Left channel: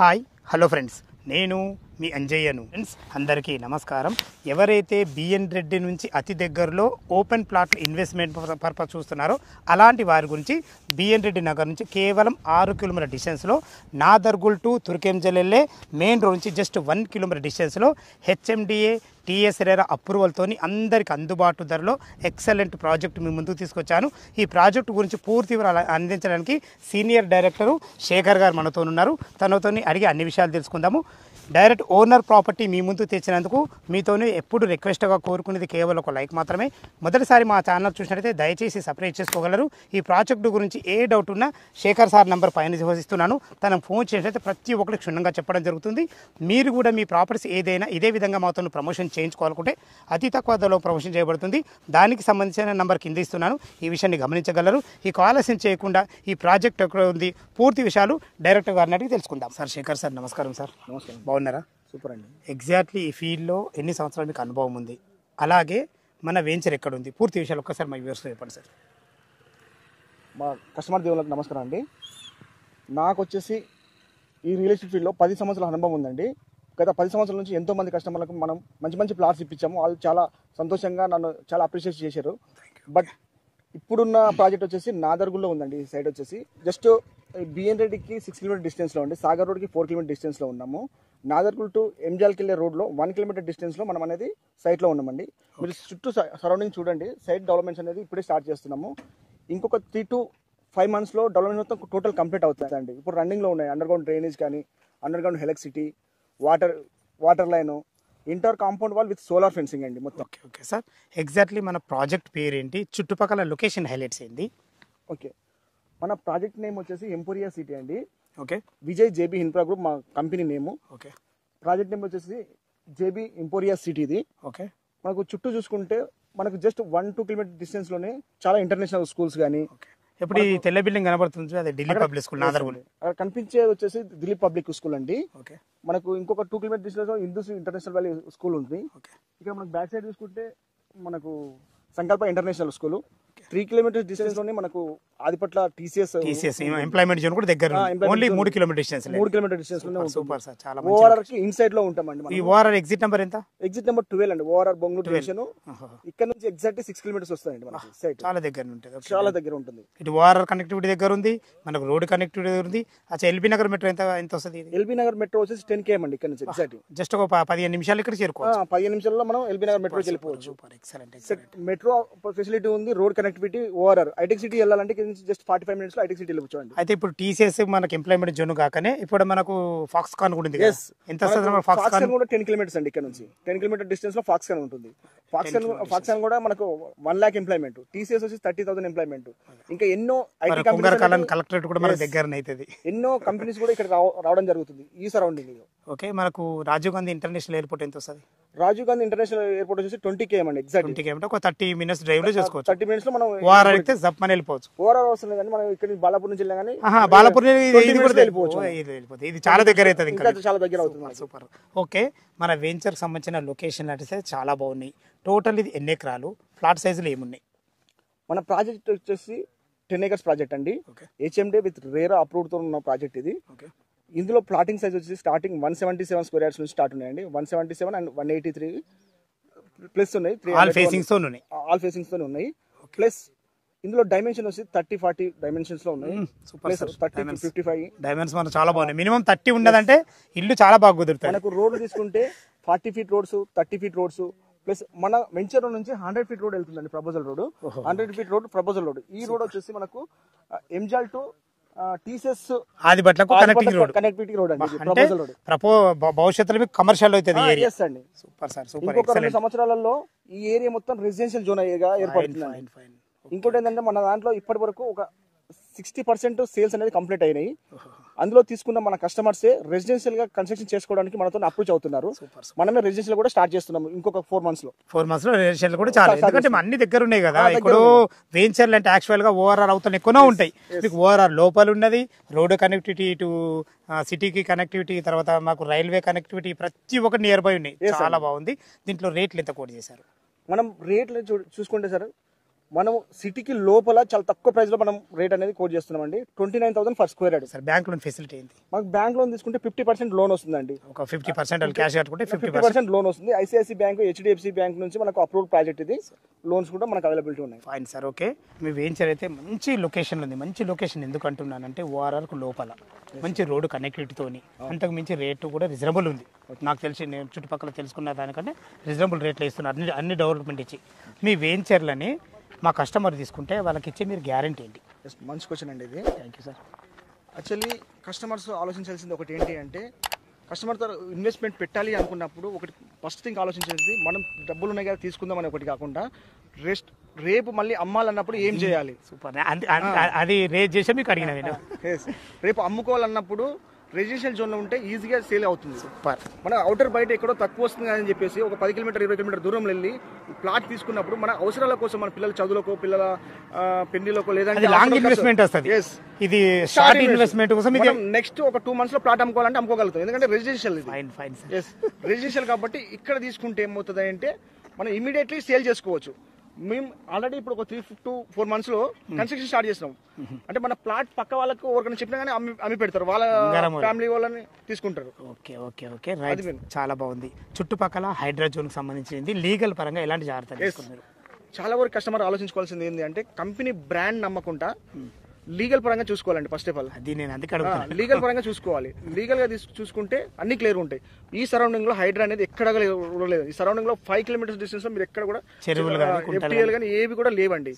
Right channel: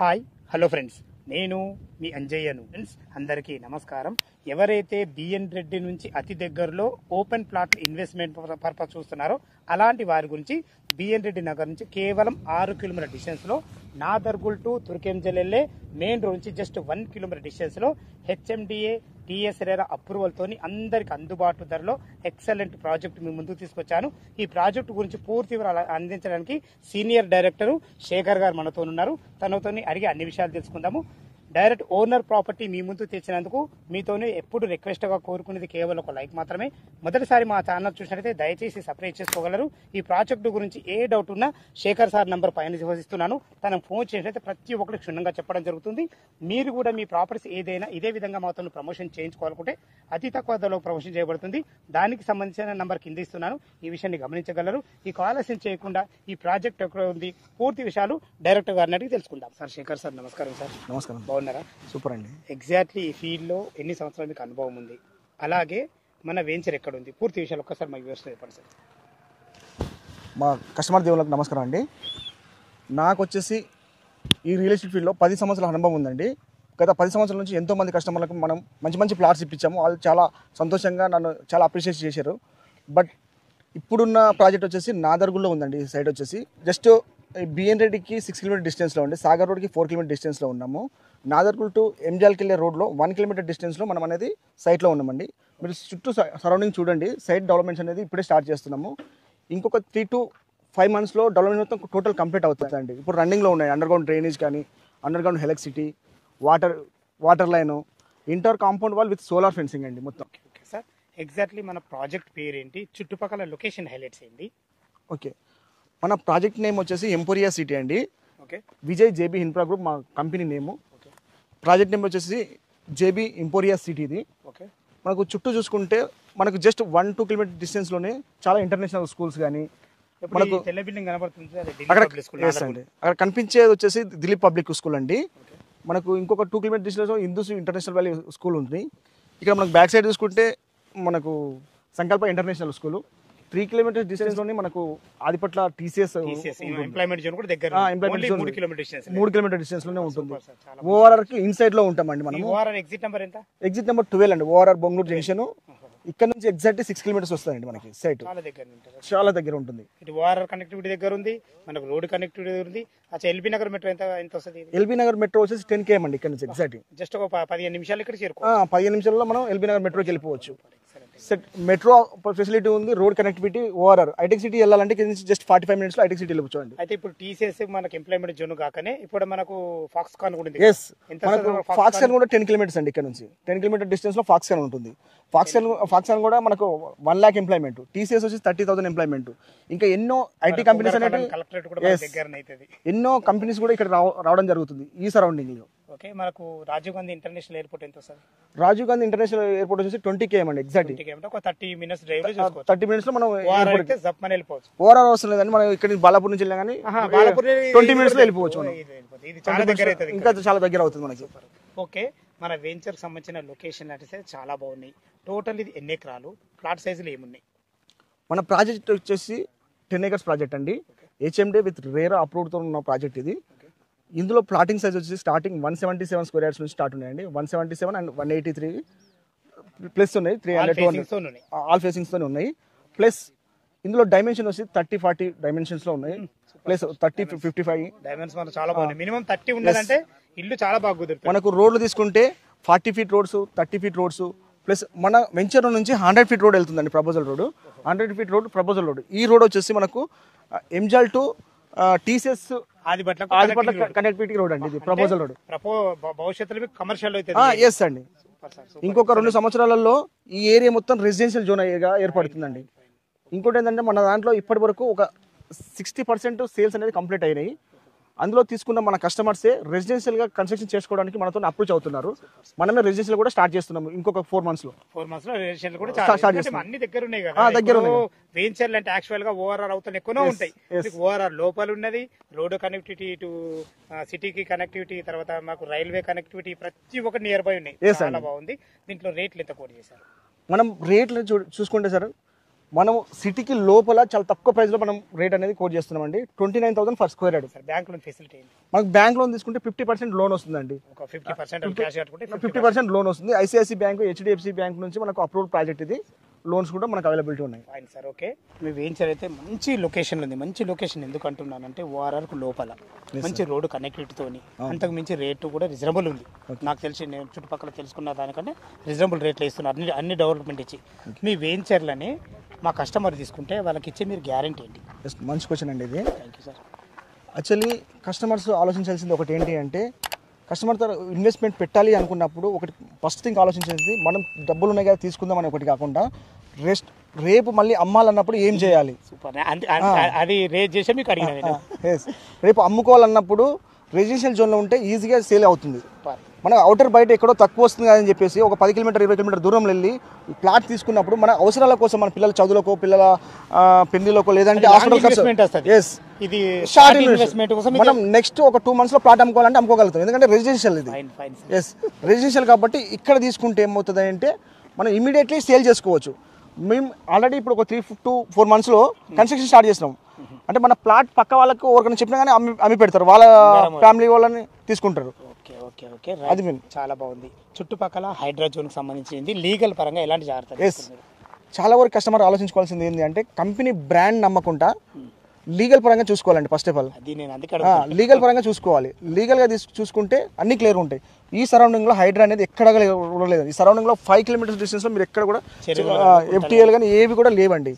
Hi hello friends, నేను మీ అంజయ్యను. Friends అందరికీ నమస్కారం. ఎవరైతే బిఎన్ రెడ్డి నుంచి అతి దగ్గరలో ఓపెన్ ప్లాట్ ఇన్వెస్ట్మెంట్ పర్పస్ చూస్తున్నారో అలాంటి వారి గురించి బిఎన్ రెడ్డి నగర్ నుంచి కేవలం 6 కిలోమీటర్ డిస్టెన్స్లో నాదర్గుల్ టు తుర్కెంజల్ వెళ్ళే మెయిన్ రోడ్ నుంచి జస్ట్ 1 కిలోమీటర్ డిస్టెన్స్లో హెచ్ఎండిఏ టీఎస్ రేరా అప్రూవల్తో అందరికి అందుబాటు ధరలో ఎక్సలెంట్ ప్రాజెక్ట్ మీ ముందుకు తీసుకొచ్చాను. ఈ ప్రాజెక్టు గురించి పూర్తి వివరాలు అందించడానికి సీనియర్ డైరెక్టరు శేఖర్ గారు మనతో ఉన్నారు. తనతో అడిగి అన్ని విషయాలు తెలుసుకుందాము. డైరెక్ట్ ఓనర్ ప్రాపర్టీ మీ ముందు తెచ్చినందుకు మీతోనే ఎప్పుడు రిక్వెస్ట్గా కోరుకునేది కేవలం ఒక లైక్ మాత్రమే. మొదటిసారి మా ఛానల్ చూసినట్లయితే దయచేసి సబ్స్క్రైబ్ చేసుకోగలరు. ఈ ప్రాజెక్టు గురించి ఏ డౌట్ ఉన్నా శేఖర్ సార్ నంబర్ పైన ఇస్తున్నాను. తనకు ఫోన్ చేసినట్లయితే ప్రతి ఒక్కరికి క్షుణ్ణంగా చెప్పడం జరుగుతుంది. మీరు కూడా మీ ప్రాపర్టీస్ ఏదైనా ఇదే విధంగా మాతో ప్రమోషన్ చేయించుకోవాలనుకుంటే అతి తక్కువ ధరలో ప్రమోషన్ చేయబడుతుంది. దానికి సంబంధించిన నంబర్ కింద ఇస్తున్నాను. ఈ విషయాన్ని గమనించగలరు. ఈ ఆలస్యం చేయకుండా ఈ ప్రాజెక్ట్ ఎక్కడ ఉంది పూర్తి విషయాలు డైరెక్టర్ గారిని అడిగి తెలుసుకుందాం. సార్ శేఖర్ సార్ నమస్కారం. సార్ నమస్కారం. బాగున్నారా? సూపర్ అండి. ఎగ్జాక్ట్లీ ఈ ఫీల్డ్లో ఎన్ని సంవత్సరాల మీకు అనుభవం ఉంది, అలాగే మన వెంచర్ ఎక్కడ ఉంది, పూర్తి విషయాలు ఒక్కసారి మా వ్యూవర్స్తో చెప్పండి సార్. మా కస్టమర్ దేవులకు నమస్కారం అండి. నాకు వచ్చేసి ఈ రియల్ ఎస్టేట్ ఫీల్డ్లో 10 సంవత్సరాల అనుభవం ఉందండి. గత 10 సంవత్సరాల నుంచి ఎంతోమంది కస్టమర్లకు మనం మంచి మంచి ప్లాట్స్ ఇప్పించాము. వాళ్ళు చాలా సంతోషంగా నన్ను చాలా అప్రిషియేట్ చేశారు. బట్ ఇప్పుడున్న ప్రాజెక్ట్ వచ్చేసి నాదర్గుల్లో ఉందండి. ఈ సైడ్ వచ్చేసి జస్ట్ బిఎన్ రెడ్డికి 6 కిలోమీటర్ డిస్టెన్స్లో ఉంది. సాగర్ రోడ్కి 4 కిలోమీటర్ డిస్టెన్స్లో ఉన్నాము. నాదర్గుల్ టు ఎంజాల్కి వెళ్ళే రోడ్లో 1 కిలోమీటర్ డిస్టెన్స్లో మనం అనేది సైట్లో ఉన్నామండి. మీరు చుట్టూ సరౌండింగ్ చూడండి. సైట్ డెవలప్మెంట్స్ అనేది ఇప్పుడే స్టార్ట్ చేస్తున్నాము. ఇంకొక 3 to 5 మంత్స్లో డెవలప్మెంట్ మొత్తం టోటల్ కంప్లీట్ అవుతుందండి. ఇప్పుడు రన్నింగ్లో ఉన్నాయి. అండర్గ్రౌండ్ డ్రైనేజ్ కానీ, underground electricity, water line, inter compound wall with solar fencing అండి మొత్తం. ఓకే సార్, ఎగ్జాక్ట్లీ మన ప్రాజెక్ట్ పేరు ఏంటి, చుట్టుపక్కల లొకేషన్ హైలైట్స్ ఏంటి? ఓకే, మన ప్రాజెక్ట్ నేమ్ వచ్చేసి ఎంపోరియా సిటీ అండి. Okay, Vijay JB infra group మా company name. Okay, project name వచ్చేసి జేబీ ఎంపోరియా సిటీ. ఇది ఓకే. మనకు చుట్టూ చూసుకుంటే మనకు జస్ట్ 1-2 కిలోమీటర్ డిస్టెన్స్లోనే చాలా ఇంటర్నేషనల్ స్కూల్స్ కానీ, ఇప్పుడు ఈ తెల్ల బిల్డింగ్ కనబడుతుంది అదే ఢిల్లీ పబ్లిక్ స్కూల్. అక్కడ కనిపించేది వచ్చేసి దిలీప్ పబ్లిక్ స్కూల్ అండి. ఓకే, మనకు ఇంకొక 2 kilometre distance Hindus international valley school ఉంది. ఇక్కడ మనకు బ్యాక్ సైడ్ చూసుకుంటే మనకు సంకల్ప ఇంటర్నేషనల్ స్కూల్. 3 కిలోమీటర్ డిస్టెన్స్ లోనే మనకు ఆదిపట్ల టీసీఎస్ ఎంప్లాయ్మెంట్ జోన్ కూడా దగ్గర, only 3 kilometre distance. 3 kilometre distance లోనే ఉంటుంది. సూపర్ సార్, చాలా ఓఆర్ఆర్ కి ఇన్సైడ్ లో ఉంటామండి మనం. ఈ ఓఆర్ఆర్ ఎగ్జిట్ నెంబర్ ఎంత? ఎగ్జిట్ నెంబర్ 12 అండి. ORR Bongloor junction. ఇక్కడ నుంచి ఎగ్జాక్ట్ 6 కిలోమీటర్స్ వస్తాయండి మనకి. సైట్ చాలా దగ్గర ఉంటుంది, చాలా దగ్గర ఉంటుంది. ఇటు ఓఆర్ఆర్ కనెక్టివిటీ దగ్గర ఉంది, మనకు రోడ్ కనెక్టివిటీ దగ్గర ఉంది. అచ్చా, ఎల్బీ నగర్ మెట్రో ఎంత వస్తుంది? ఎల్బీ నగర్ మెట్రో వచ్చేసి 10 km అండి ఇక్కడ నుంచి. ఎగ్జాక్ట్ జస్ట్ ఒక 15 నిమిషాలు ఇక్కడ చేరుకోవచ్చు. 15 నిమిషాల్లో మనం ఎల్బీ నగర్ మెట్రోకి వెళ్ళిపోవచ్చు. మెట్రో ఫెసిలిటీ ఉంది, రోడ్ కనెక్టివిటీ. ఓఆర్ఆర్ ఐటెక్ సిటీ వెళ్ళాలంటే జస్ట్ 45 minutes లో ఐటెక్ సిటీ వెళ్ళిపోవచ్చు. అయితే ఇప్పుడు టీసీఎస్ మనకి ఎంప్లాయ్మెంట్ జోన్ కాకనే ఇప్పుడు మనకు ఫాక్స్కాన్ కూడా ఉంది. ఎంత ఫాక్స్కాన్ కూడా 10 కిలోమీటర్స్ అండి. ఇక్కడ నుంచి 10 కిలోమీటర్ డిస్టెన్స్ లో ఫాక్స్కాన్ ఉంటుంది. ఫాక్స్కాన్ కూడా మనకు 1 lakh ఎంప్లాయ్మెంట్. టీసీఎస్ వచ్చి 30,000 ఎంప్లాయ్మెంట్. ఇంకా ఎన్నో ఐటీ కంపెనీస్, కలెక్టరేట్ కూడా మన దగ్గర అవుతుంది. ఎన్నో కంపెనీస్ కూడా ఇక్కడ రావడం జరుగుతుంది ఈ సరౌండింగ్ లో. ఓకే, మనకు రాజీవ్ గాంధీ ఇంటర్నేషనల్ ఎయిర్పోర్ట్ ఎంత వస్తుంది? రాజీవ్ గాంధీ ఇంటర్నేషనల్ ఎయిర్పోర్ట్ వచ్చేసి 20 km అండి. ఎగ్జాక్ట్ 20 km, ఒక 30 minutes డ్రైవ్ లో చేసుకోవచ్చు. 30 minutes లో మనం ఓఆర్ఆర్ అయితే జప్పని వెళ్ళిపోవచ్చు. ఓఆర్ఆర్ అవసరం లేదండి. మనం ఇక్కడ నుంచి బాలాపూర్ నుంచి వెళ్ళాం కానీ బాలాపూర్ 20 minutes లో వెళ్ళిపోవచ్చు. ఇది చాలా దగ్గర అవుతుంది, ఇంకా చాలా దగ్గర అవుతుంది మనకి. సూపర్. ఓకే, మన వెంచర్ సంబంధించిన లొకేషన్ అంటే చాలా బాగున్నాయి. టోటల్ ఇది ఎన్ని ఎకరాలు, ఫ్లాట్ సైజులు ఏమున్నాయి? మన ప్రాజెక్ట్ వచ్చేసి 10 acres ప్రాజెక్ట్ అండి. హెచ్ఎండి విత్ రేరా అప్రూవ్డ్ తో ఉన్న ప్రాజెక్ట్ ఇది. ఇందులో ప్లాటింగ్ సైజ్ వచ్చి స్టార్టింగ్ 177 స్క్వేర్ యార్డ్స్ నుంచి స్టార్ట్ ఉన్నాయండి. 177 అండ్ 183 ప్లస్ ఉన్నాయి. ఆల్ ఫేసింగ్స్ తోనే ఉన్నాయి. ప్లస్ ఇందులో డైమెన్షన్ వచ్చి 30-40 డైమెన్షన్స్ లో ఉన్నాయి. ప్లస్ 30-55 డైమెన్షన్స్ మనకు చాలా బాగున్నాయి. మినిమం 30 ఉండదంటే ఇల్లు చాలా బాగా కుదురుతాయి. మనకు రోడ్లు తీసుకుంటే 40 feet roads, 30 feet roads, plus మన వెంచర్ నుంచి 100 feet రోడ్ వెళ్తుందండి. Proposal road 100 feet road proposal road. ఈ రోడ్ వచ్చేసి మనకు ఎంజాల్ టు టీసీఎస్ ఆదిపట్లకు కనెక్టివిటీ రోడ్ అండి. ప్రపోజల్ రోడ్ భవిష్యత్తులో కమర్షియల్ అవుతుంది. ఎస్ అండి. ఇంకొక 2 సంవత్సరాలలో ఈ ఏరియా మొత్తం రెసిడెన్షియల్ జోన్ గా ఏర్పడుతుందండి. ఇంకోటి ఏంటంటే మన దాంట్లో ఇప్పటి వరకు ఒక 60% సేల్స్ అనేది కంప్లీట్ అయినాయి. అందులో తీసుకున్న మన కస్టమర్సే రెసిడెన్షియల్ గా కన్స్ట్రక్షన్ చేసుకోవడానికి మనతో అప్రోచ్ అవుతున్నారు. మనమే రెసిడెన్షియల్ కూడా స్టార్ట్ చేస్తున్నాము ఇంకొక 4 months లో. 4 months లో రెసిడెన్షియల్ కూడా చాలా, ఎందుకంటే అన్ని దగ్గర ఉన్నాయి కదా. ఇప్పుడు వెంచర్లు అంటే యాక్చువల్ గా ఓఆర్ఆర్ అవుతాను ఎక్కువనే ఉంటాయి. ఓఆర్ఆర్ లోపల ఉన్నది, రోడ్ కనెక్టివిటీ, ఇటు సిటీకి కనెక్టివిటీ, తర్వాత మాకు రైల్వే కనెక్టివిటీ, ప్రతి ఒక్కటి నియర్ బై ఉన్నాయి. చాలా బాగుంది. దీంట్లో రేట్లు ఎంత కోట్ చేశారు? మనం రేట్లు చూసుకుంటే సార్ మనం సిటీకి లోపల చాలా తక్కువ ప్రైస్ లో మనం రేట్ అనేది కోట్ చేస్తున్నాం అండి. 29,000 for square yard. Sir bank loan facility ఏంటి? మనకు బ్యాంక్ లోన్ తీసుకుంటే 50% లోన్ వస్తుందండి. ఒక 50% క్యాష్ కట్టుకుంటే 50% లోన్ వస్తుంది. ఐసిఐసి బ్యాంక్, హెచ్డిఎఫ్సి బ్యాంక్ నుంచి మనకు అప్రూవ్ ప్రాజెక్ట్ ఇది. లోన్స్ కూడా మనకు అవైలబిలిటీ ఉన్నాయి. Fine sir. ఓకే, మీ వెంచర్ అయితే మంచి లొకేషన్ ఉంది. మంచి లొకేషన్ ఎందుకు అంటున్నానంటే ఓఆర్ఆర్కు లోపల మంచి రోడ్డు కనెక్టివిటీతోని అంతకు మించి రేటు కూడా రీజనబుల్ ఉంది. నాకు తెలిసి నేను చుట్టుపక్కల తెలుసుకున్న దానికంటే రీజనబుల్ రేట్లు ఇస్తున్నారు అన్ని డెవలప్మెంట్ ఇచ్చి. మీ వెంచర్లని మా కస్టమర్ తీసుకుంటే వాళ్ళకి ఇచ్చే మీరు గ్యారంటీ ఏంటి? మంచి క్వశ్చన్ అండి ఇది. Thank you sir. Actually customers ఆలోచించాల్సింది ఒకటి ఏంటి అంటే, కస్టమర్తో ఇన్వెస్ట్మెంట్ పెట్టాలి అనుకున్నప్పుడు ఒకటి ఫస్ట్ థింగ్ ఆలోచించేది మనం డబ్బులు ఉన్నాయి కదా తీసుకుందాం అని ఒకటి కాకుండా రేపు మళ్ళీ అమ్మాలన్నప్పుడు ఏం చేయాలి. సూపర్. అది రేట్ చేసే మీకు అడిగిన రేపు అమ్ముకోవాలన్నప్పుడు రెసిడెన్షియల్ జోన్లో ఉంటే ఈజీగా సేల్ అవుతుంది. సూపర్. మన అవుటర్ బయట ఎక్కడో తక్కువ వస్తుంది అని చెప్పేసి ఒక 10 కిలోమీటర్ 20 కిలోమీటర్ దూరం వెళ్ళి ప్లాట్ తీసుకున్నప్పుడు మన అవసరాల కోసం, మన పిల్లల చదువులకో, పిల్లల పెళ్లిలోకో, లేదంటే ఇది మనం నెక్స్ట్ ఒక 2 months లో ప్లాట్ అమ్ముకోవాలంటే అమ్ముకోగలుగుతాం. ఎందుకంటే రెసిడెన్షియల్ ఇది. రెసిడెన్షియల్ కాబట్టి ఇక్కడ తీసుకుంటే ఏమవుతుంది అంటే మనం ఇమీడియట్లీ సేల్ చేసుకోవచ్చు. మేము ఆల్రెడీ ఇప్పుడు ఒక 3 to 4 months లో కన్స్ట్రక్షన్ స్టార్ట్ చేసినాం. అంటే మన ప్లాట్ పక్క వాళ్ళకు ఎవరికైనా చెప్పినా కానీ అమ్మి పెడతారు, వాళ్ళ ఫ్యామిలీ వాళ్ళని తీసుకుంటారు. ఓకే ఓకే ఓకే, అది చాలా బాగుంది. చుట్టుపక్కల హైడ్రా జోన్కి సంబంధించింది లీగల్ పరంగా ఎలాంటి జాగ్రత్తలు? చాలా వరకు కస్టమర్ ఆలోచించుకోవాల్సింది ఏంటి అంటే కంపెనీ బ్రాండ్ నమ్మకుండా లీగల్ పరంగా చూసుకోవాలండి. ఫస్ట్ ఆఫ్ ఆల్ అది నేను లీగల్ పరంగా చూసుకోవాలి. లీగల్ గా చూసుకుంటే అన్ని క్లియర్ ఉంటాయి. ఈ సరౌండింగ్ లో హైడ్రా అనేది ఎక్కడ లేదు. ఈ సరౌండింగ్ లో 5 kilometers డిస్టెన్స్ లో మీరు ఎక్కడ కూడా ఎఫ్టీఎల్ కానీ ఏవి కూడా లేవండి.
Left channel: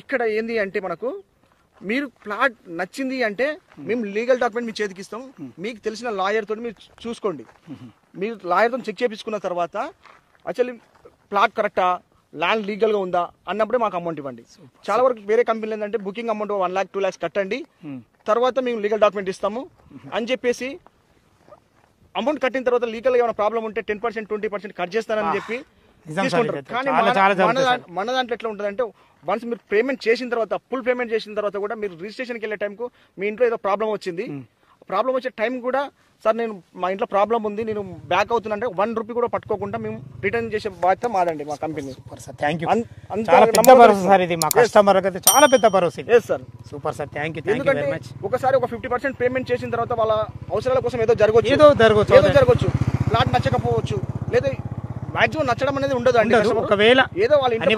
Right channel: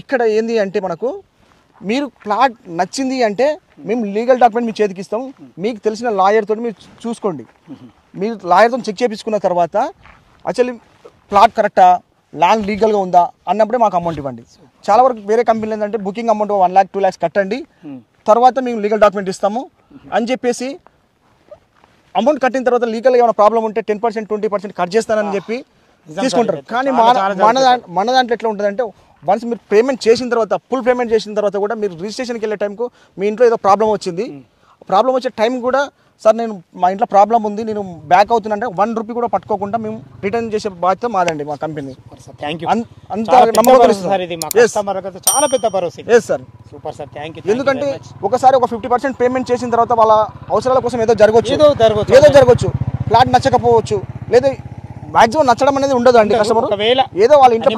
ఇక్కడ ఏంది అంటే మనకు మీరు ప్లాట్ నచ్చింది అంటే మేము లీగల్ డాక్యుమెంట్ మీ చేతికి ఇస్తాం. మీకు తెలిసిన లాయర్ తోటి మీరు చూసుకోండి. మీరు లాయర్తో చెక్ చేయించుకున్న తర్వాత యాక్చువల్లీ ప్లాట్ కరెక్టా, ల్యాండ్ లీగల్గా ఉందా అన్నప్పుడే మాకు అమౌంట్ ఇవ్వండి. చాలా వరకు వేరే కంపెనీలు ఏంటంటే బుకింగ్ అమౌంట్ 1 lakh 2 lakhs కట్టండి, తర్వాత మేము లీగల్ డాక్యుమెంట్ ఇస్తాము అని చెప్పేసి అమౌంట్ కట్టిన తర్వాత లీగల్గా ఏమైనా ప్రాబ్లం ఉంటే 10% 20% కట్ చేస్తానని చెప్పి తీసుకుంటారు. కానీ మన దాంట్లో ఎట్లా ఉంటుందంటే వన్స్ మీరు పేమెంట్ చేసిన తర్వాత, ఫుల్ పేమెంట్ చేసిన తర్వాత కూడా మీరు రిజిస్ట్రేషన్కి వెళ్ళే టైంకు మీ ఇంట్లో ఏదో ప్రాబ్లం వచ్చింది, ప్రాబ్లం వచ్చే టైం కూడా సార్ నేను మా ఇంట్లో ప్రాబ్లం ఉంది నేను బ్యాక్ అవుతున్నా 1 రూపీ కూడా పట్టుకోకుండా మేము రిటర్న్ చేసే బాధ్యత మాదండి మా కంపెనీ. ఎందుకంటే ఒకసారి ఒక 50% పేమెంట్ చేసిన తర్వాత వాళ్ళ అవసరాల కోసం ఏదో జరగవచ్చు, ప్లాట్ నచ్చకపోవచ్చు, లేదా మాక్సిమం నచ్చడం అనేది ఉండదు అండి. కస్టమర్ ఏదో వాళ్ళ ఇంట్లో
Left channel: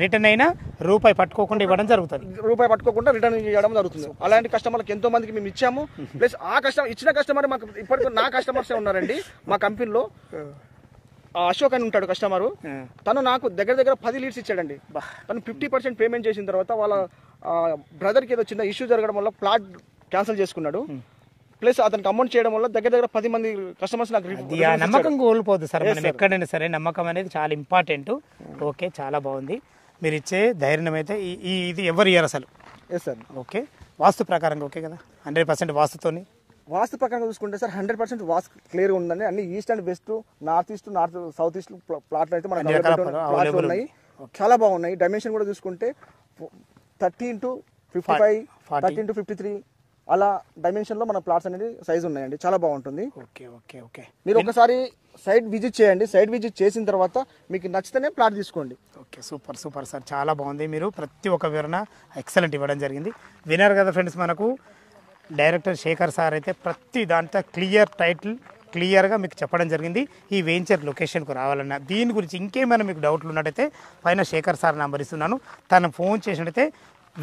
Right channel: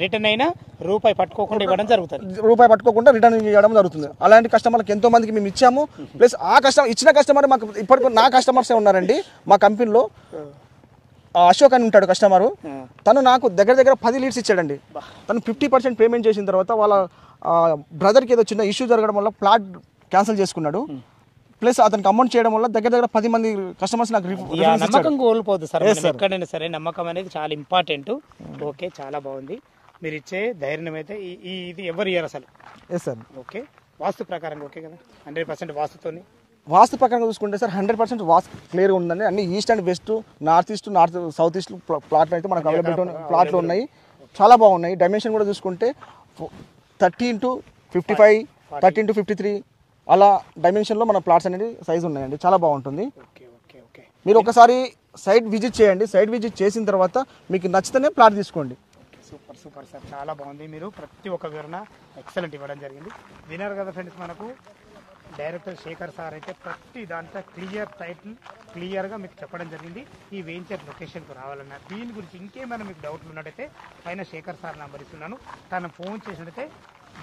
రిటర్న్ అయినా రూపాయి పట్టుకోకుండా ఇవ్వడం జరుగుతుంది. రూపాయి పట్టుకోకుండా రిటర్న్ ఇవ్వడం జరుగుతుంది. అలాంటి కస్టమర్లకు ఎంతో మందికి మేము ఇచ్చాము. ప్లస్ ఆ ఇచ్చిన కస్టమర్ మాకు ఇప్పటికీ నా కస్టమర్సే ఉన్నారండి. మా కంపెనీలో అశోక్ అని ఉంటాడు కస్టమర్, తను నాకు దగ్గర 10 leads ఇచ్చాడండి. తను 50% పేమెంట్ చేసిన తర్వాత వాళ్ళ బ్రదర్కి ఏదో చిన్న ఇష్యూ జరగడం వల్ల ప్లాట్ క్యాన్సిల్ చేసుకున్నాడు. ప్లస్ అతనికి అమౌంట్ చేయడం వల్ల దగ్గర 10 మంది కస్టమర్స్ నాకు నమ్మకం కోల్పోదు సార్. ఎక్కడైనా సరే నమ్మకం అనేది చాలా ఇంపార్టెంట్. ఓకే, చాలా బాగుంది. మీరు ఇచ్చే ధైర్యం అయితే ఇది ఎవరు ఇయ్యారు అసలు. ఓకే, వాస్తు ప్రకారం ఓకే కదా, 100% వాస్తుతోని. వాస్తు ప్రకారంగా చూసుకుంటే సార్ 100% వాస్తు క్లియర్గా ఉందండి. అన్ని east and west, north east, south east ప్లాట్లు అయితే మనకు ప్లాట్లు ఉన్నాయి, చాలా బాగున్నాయి. డైమెన్షన్ కూడా చూసుకుంటే 30 into 55, 30 into 53 అలా డైమెన్షన్లో మన ప్లాట్స్ అనేది సైజ్ ఉన్నాయండి. చాలా బాగుంటుంది. ఓకే ఓకే ఓకే, మీరు ఒకసారి సైట్ విజిట్ చేయండి. సైట్ విజిట్ చేసిన తర్వాత మీకు నచ్చితేనే ప్లాట్ తీసుకోండి. ఓకే, సూపర్ సూపర్ సార్, చాలా బాగుంది. మీరు ప్రతి ఒక్క వివరణ ఎక్సలెంట్ ఇవ్వడం జరిగింది. విన్నారు కదా ఫ్రెండ్స్, మనకు డైరెక్టర్ శేఖర్ సార్ అయితే ప్రతి దాంట్లో క్లియర్గా మీకు చెప్పడం జరిగింది. ఈ వెంచర్ లొకేషన్కు రావాలన్నా దీని గురించి ఇంకేమైనా మీకు డౌట్లు ఉన్నట్టయితే పైన శేఖర్ సార్ నెంబర్ ఇస్తున్నాను, తను ఫోన్ చేసినట్టయితే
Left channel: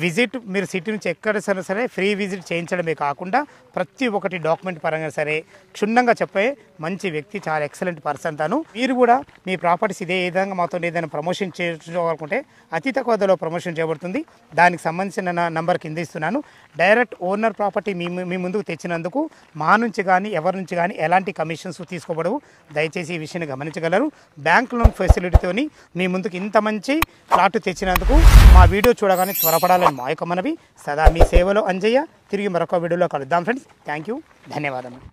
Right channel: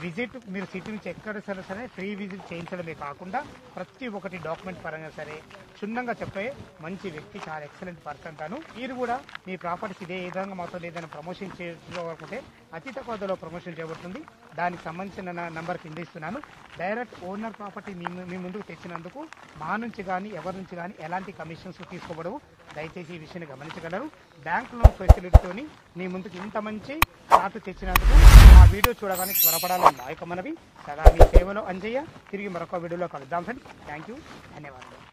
విజిట్ మీరు సిటీ నుంచి ఎక్కడ సరే ఫ్రీ విజిట్ చేయించడమే కాకుండా ప్రతి ఒక్కటి డాక్యుమెంట్ పరంగా సరే క్షుణ్ణంగా చెప్పే మంచి వ్యక్తి, చాలా ఎక్సలెంట్ పర్సన్ తను. మీరు కూడా మీ ప్రాపర్టీస్ ఇదే విధంగా మాతో ఏదైనా ప్రమోషన్ చేసుకోవాలనుకుంటే అతి తక్కువ ధరలో ప్రమోషన్ చేయబడుతుంది. దానికి సంబంధించిన నంబర్ కింద ఇస్తున్నాను. డైరెక్ట్ ఓనర్ ప్రాపర్టీ మీ ముందుకు తెచ్చినందుకు మా నుంచి కానీ ఎవరి నుంచి కానీ ఎలాంటి కమిషన్స్ తీసుకోబడవు. దయచేసి ఈ విషయాన్ని గమనించగలరు. బ్యాంక్ లోన్ ఫెసిలిటీతోని మీ ముందుకు ఇంత మంచి ప్లాట్ తెచ్చినందుకు మా వీడియో చూడగానే త్వరపడాలని మా యొక్క మనవి. సదా మీ సేవలో అంజయ్య. తిరిగి మరొక వీడియోలో కలుద్దాం ఫ్రెండ్స్. థ్యాంక్ యూ, ధన్యవాదాలు.